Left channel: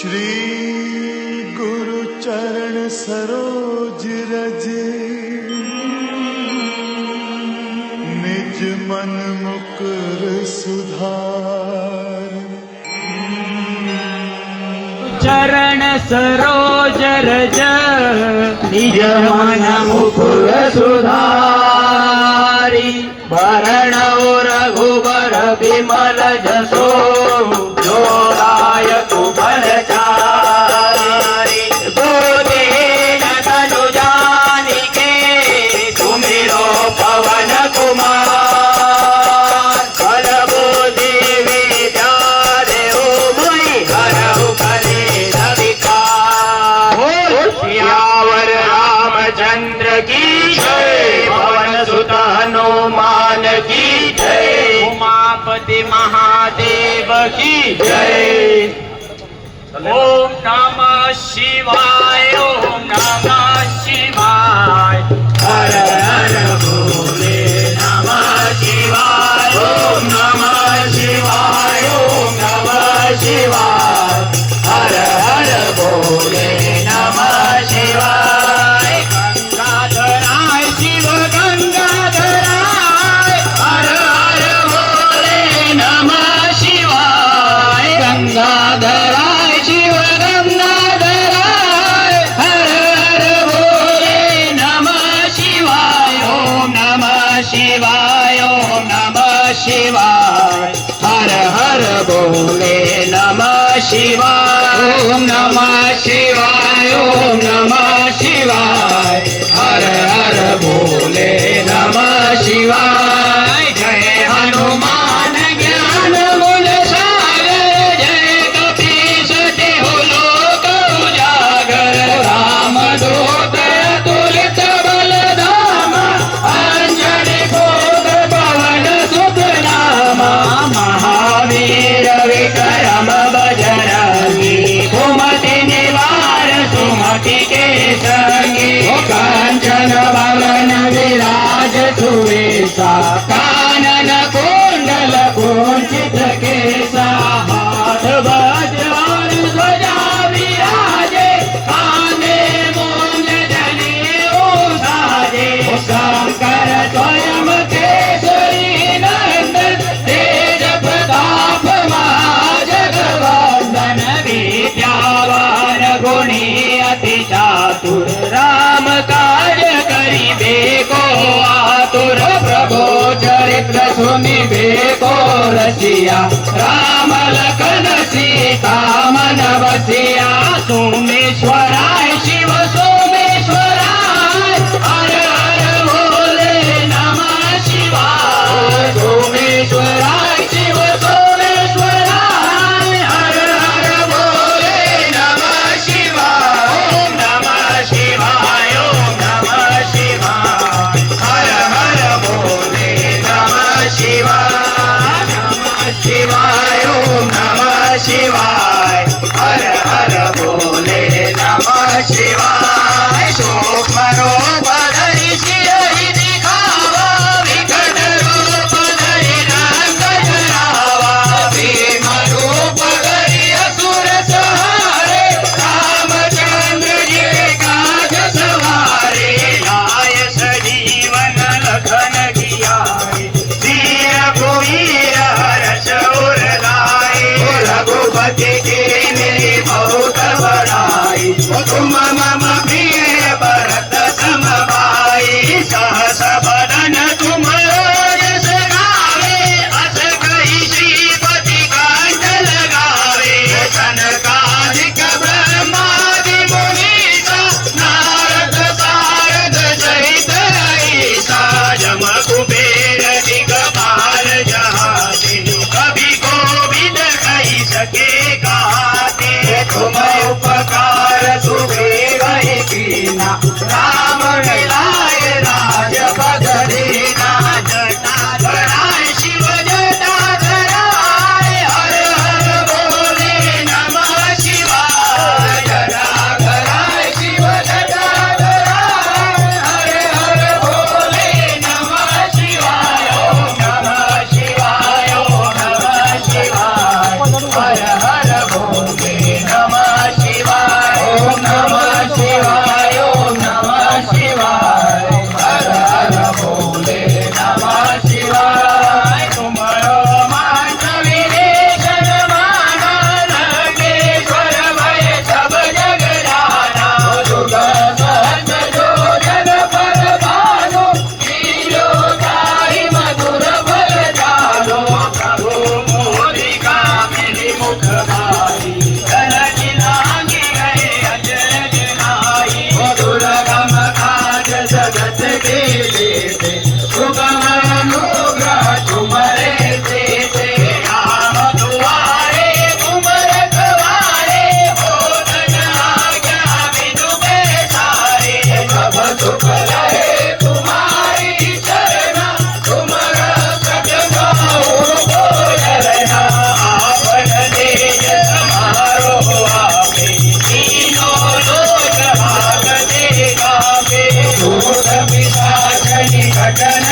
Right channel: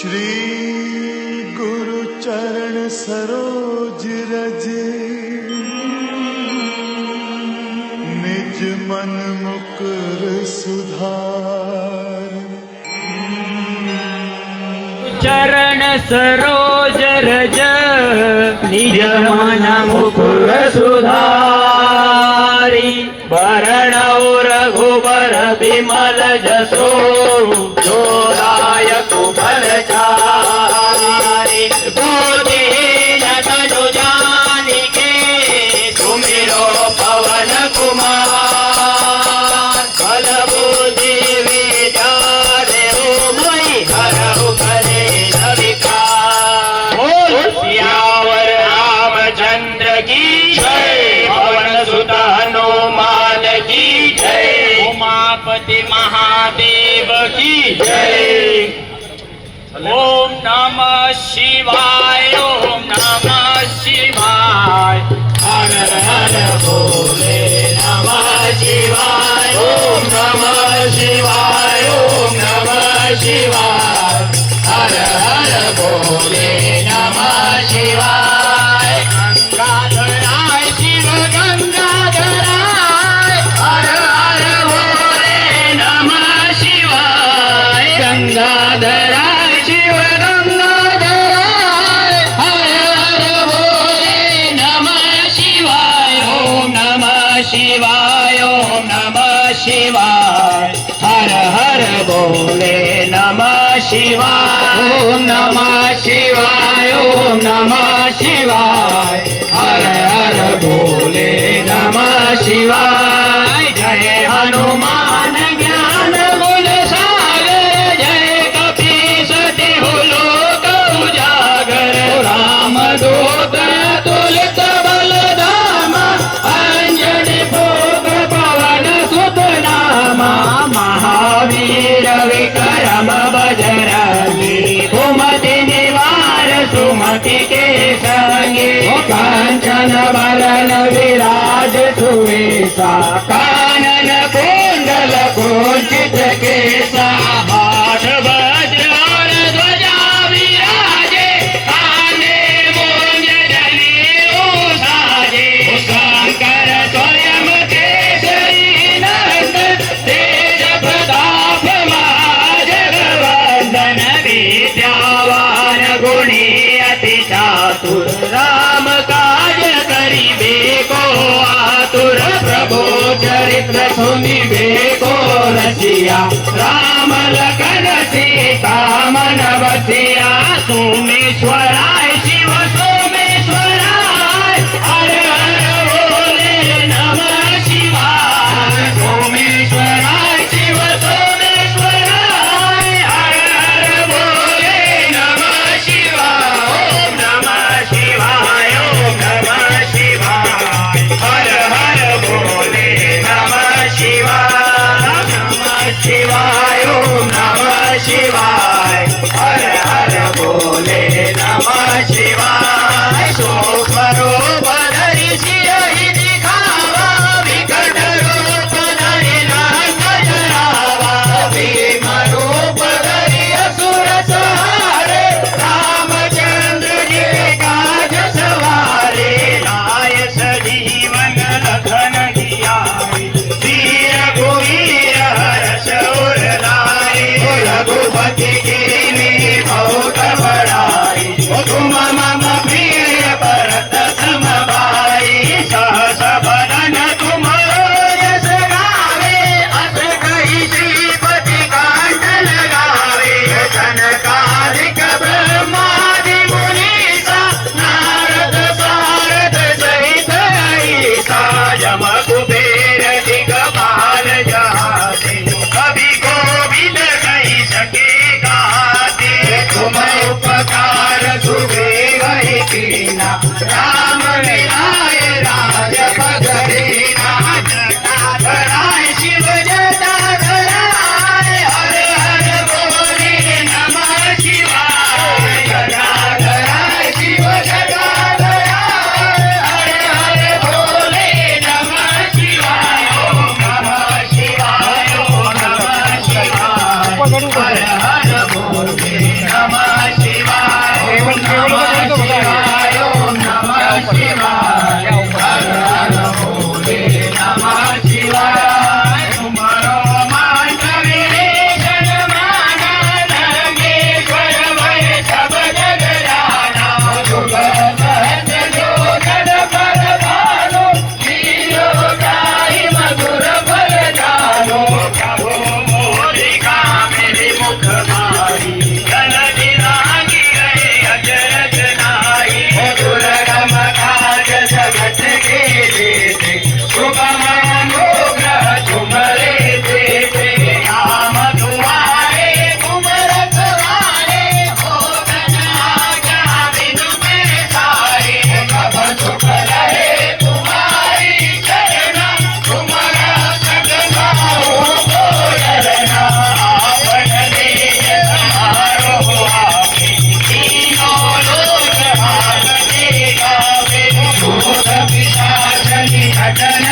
श्री गुरु चरण सरोज रज निज मन मुकुर सुधार। चरण सरोज रज निज मन मुकुर सुधारी। वरण रघुबर विमल जसो जोदायक बलचारी। बुद्धिहीन तनु जानिके सुमिरो पवन कुमार। बल बुद्धि विचारे मई हरहु कलेश विकार। सियावर रामचंद्र की जय, पवन सुत हनुमान की जय, उमापति महादेव की जय। ओम नमः शिवाय, ओम नमः शिवाय, हर हर भोले नमः शिवाय। ओम नमः शिवाय, ओम नमः शिवाय, हर हर भोले नमः शिवाय। गंगाधराय शिव गंगाधराय, हर हर भोले नमः शिवाय। गंगाधराय शिव गंगाधराय, हर हर भोले नमः शिवाय। ओम नमः शिवाय, ओम नमः शिवाय, हर हर भोले नमः शिवाय। ओम नमः शिवाय, ओम नमः शिवाय, हर हर भोले नमः शिवाय। जय हनुमान ज्ञान गुण सागर, जय कपीस तिहु लोक उजागर। रामदूत अतुलित बल धामा, अंजनी पुत्र पवन सुत नामा। महावीर विक्रम बजरंगी, सुमति निवार सुमति के संगी। कांचन वलन विराज सुवेशा, कानन कुंडल कुंचित केसा। हाथ वज्र और ध्वजा विराजे, कांधे मूंज जनेऊ साजे। शंकर स्वयं केसरी नंदन, तेज प्रताप महाजगवंदन। विद्यावान गुणी अति चातुर, राम कार्य करिबे को आतुर। प्रभु चरित्र सुनिबे को रसिया, राम लखन सीता मन बसिया। सोमेश्वराय शिव सोमेश्वराय, हर हर भोले नमः शिवाय। सोमेश्वराय शिव सोमेश्वराय, हर हर भोले नमः शिवाय। ओम नमः शिवाय, ओम नमः शिवाय, हर हर भोले नमः शिवाय। भजन